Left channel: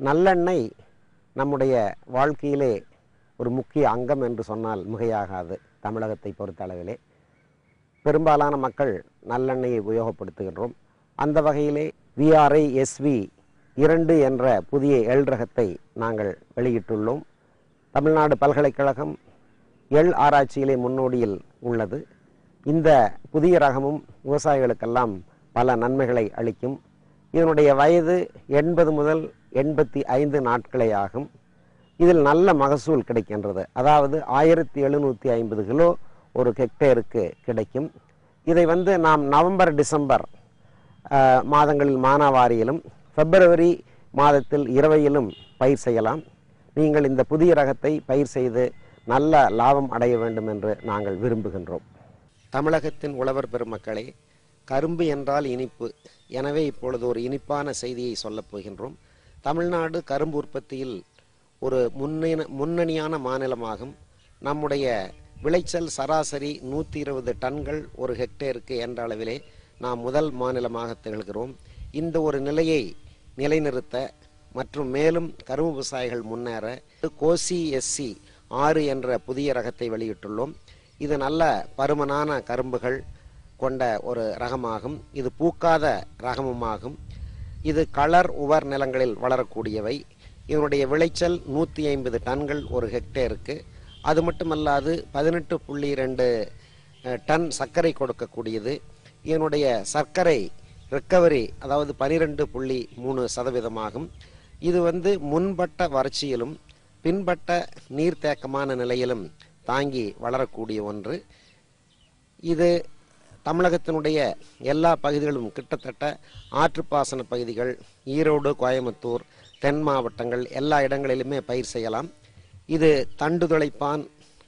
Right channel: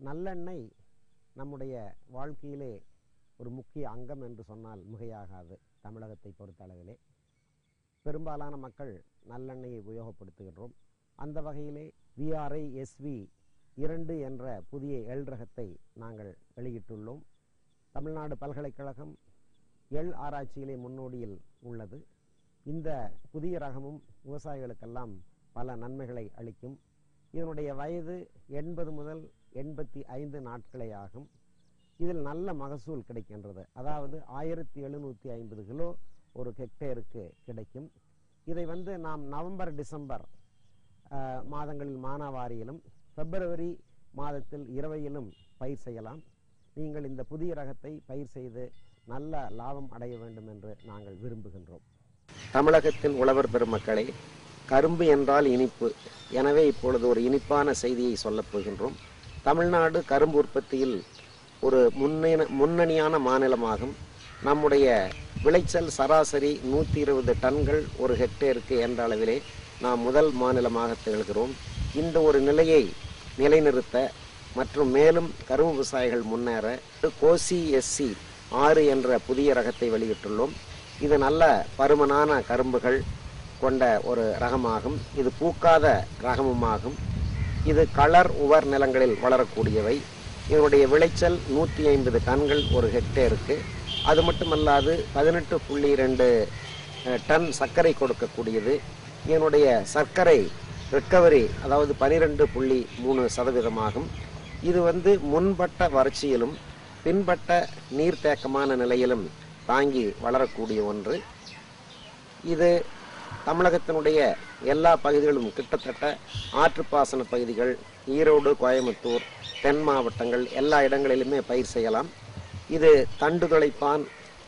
நல்லெண்ணெய் நம்முடைய வாழ்க்கையிலே ஒரு முக்கிய அங்கம் என்று சொன்னால் மிகையாகாது. தமிழகத்தை பொறுத்தளவிலே பெரும்பாலான மக்கள் நல்லெண்ணெயை உபயோகப்படுத்துகின்றோம். அந்த வகையிலே VRI-SV 2 என்ற புதிய எள் ரகத்தை நாங்கள் வெளியிட்டுள்ளோம். தமிழ்நாடு பல்கலைக்கழகம் எள் ஆராய்ச்சியிலே முன்னோடியில் உள்ளது. இந்த புதிய ரகமும் விவசாயிகளுக்கெல்லாம் பல நன்மைகளை அளிக்கும். இதனுடைய வயது 80 முதல் 85 நாட்களே ஆகும். இதில் நல்ல மகசூல் கிடைக்கின்றது. அதாவது 1750 கிலோ ஒரு ஹெக்டேருக்கு கிடைக்கும். இதை நாம் நவம்பர் டிசம்பர் மாதங்களில் மானாவாரியிலும் பிப்ரவரி மாதத்தில் இரவையிலும் பயிர் செய்யலாம். நீங்கள் இந்த புதிய ரகத்தை பயிர் செய்து நல்ல லாபம் அடைய வேண்டும் என்று நாங்கள் விரும்புகின்றோம். தமிழகத்தின் உழவர் பெருமக்களே, கரும்பு என்றால் இனிப்பு. எனவே இப்பொழுது ஒரு இனிப்பான செய்தியை சொல்லப் போகின்றோம். தமிழ்நாடு கரும்பு உற்பத்தியில் ஒரு முன்னணியான மாநிலமாகும். நம்முடைய விளைச்சல் சராசரி 120 டன்கள் ஒரு ஹெக்டேருக்கு என்ற அளவிலே நாம் முதல் மாநிலமாக திகழ்கிறோம். இந்த ஒரு நிலையை நிலைநிறுத்த மற்றும் மேலும் கரும்பு விவசாயிகள் முன்னேற கோசி SC 6 என்ற புதிய ரகத்தை வெளியிட்டுள்ளோம். இது நல்ல பருமனான கரும்புகள் கொண்ட ஒரு ரகமாகும். இது பூக்காத ரகமுமாகும். இது களர் உவர் நிலங்களில் வளரக்கூடியவை. இதனுடைய விளைச்சல் 150 டன்கள் ஒரு ஹெக்டேருக்கு. அது மட்டுமல்லாது 18.2 டன் சர்க்கரை கொடுக்கக்கூடியது. இதனுடைய சர்க்கரை ரெக்கவரி அதாவது 12.3% இது முன்பட்ட வறட்சியிலும் பின்பட்ட நீர்த்தேக்கமான நிலையிலும் தாங்கி வளரக்கூடிய ஒன்று. இது தமிழகத்தினுடைய எல்லா பகுதிகளும் கிட்டத்தட்ட ஆற்றுப்பாசன பகுதிகள், ஈரோடு, கோயம்புத்தூர், தென் மாவட்டங்கள் எல்லா இடங்களிலுமே பயிர் செய்யலாம். இது தண்டு துளைப்பான்,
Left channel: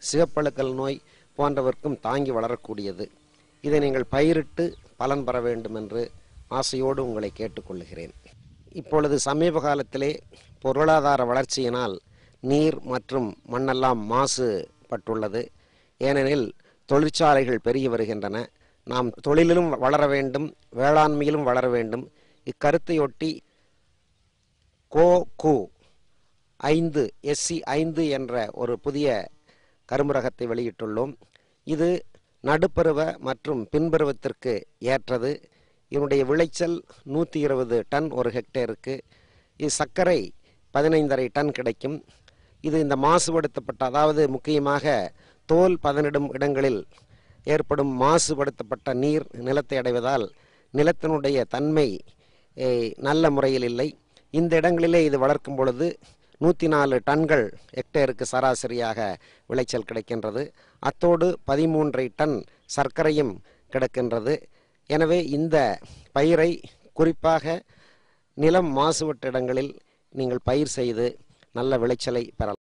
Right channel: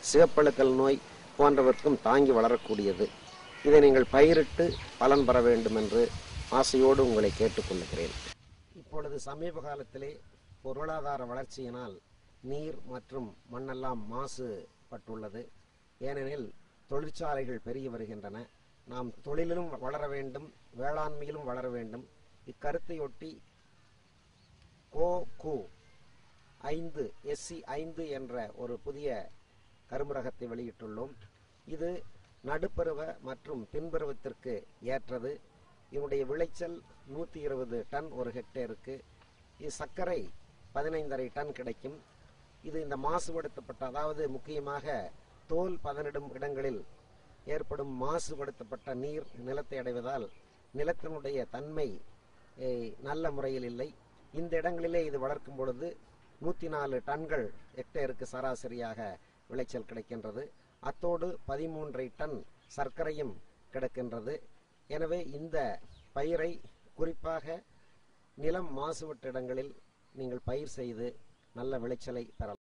சிகப்பழுக்கல் நோய் போன்றவர்க்கும் தாங்கி வளரக்கூடியது. இதை நீங்கள் பயிரிட்டு பலன் பெற வேண்டும் என்று ஆசையோடு உங்களை கேட்டுக்கொள்கிறேன். இப்பொழுது சமீப காலத்திலே பொருளாதார வளர்ச்சியினால் நீர் மற்றும் மண்ணெல்லாம் மாசுபட்டுள்ளது. ஏனெனில் தொழிற்சாலைகள் பெருகி வருகின்றன. நாம் தொழிலிலும் வளர வேண்டும், வேளாண்மையிலும் வளர வேண்டும். இக்கருத்தையொட்டி கோகு 5 SC 5 என்ற ஒரு புதிய கரும்பு ரகத்தை வெளியிட்டுள்ளோம். இது நடுப்பருவ மற்றும் பின்பருவத்திற்கு ஏற்றது. இதனுடைய விளைச்சல் 120 டன் ஒரு ஹெக்டேருக்கு. இது சர்க்கரை 15.5 டன் கிடைக்கும். இது இந்த மாசுபடுத்தப்பட்ட, அதாவது முக்கியமாக தோல் பதனிடும் இடங்களில் ஏற்படும் மாசுபடுத்தப்பட்ட நீர் நிலத்தை அடைவதால் நிலத்தினுடைய தன்மை நல்ல முறையில் இல்லை. இந்த இடங்களிலே இது வளர்க்கும் பொழுது 104 டன்கள் ஹெக்டேருக்கு சராசரியாக விளைச்சல் கிடைக்கின்றது. அத்தோடு 13 டன் சர்க்கரையும் கிடைக்கின்றது. எனவே இந்த பயிரை குறிப்பாக நிலம் மாசுபட்ட இடங்களில் நீங்கள் பயிர் செய்து நல்ல விளைச்சலை பெறலாம்.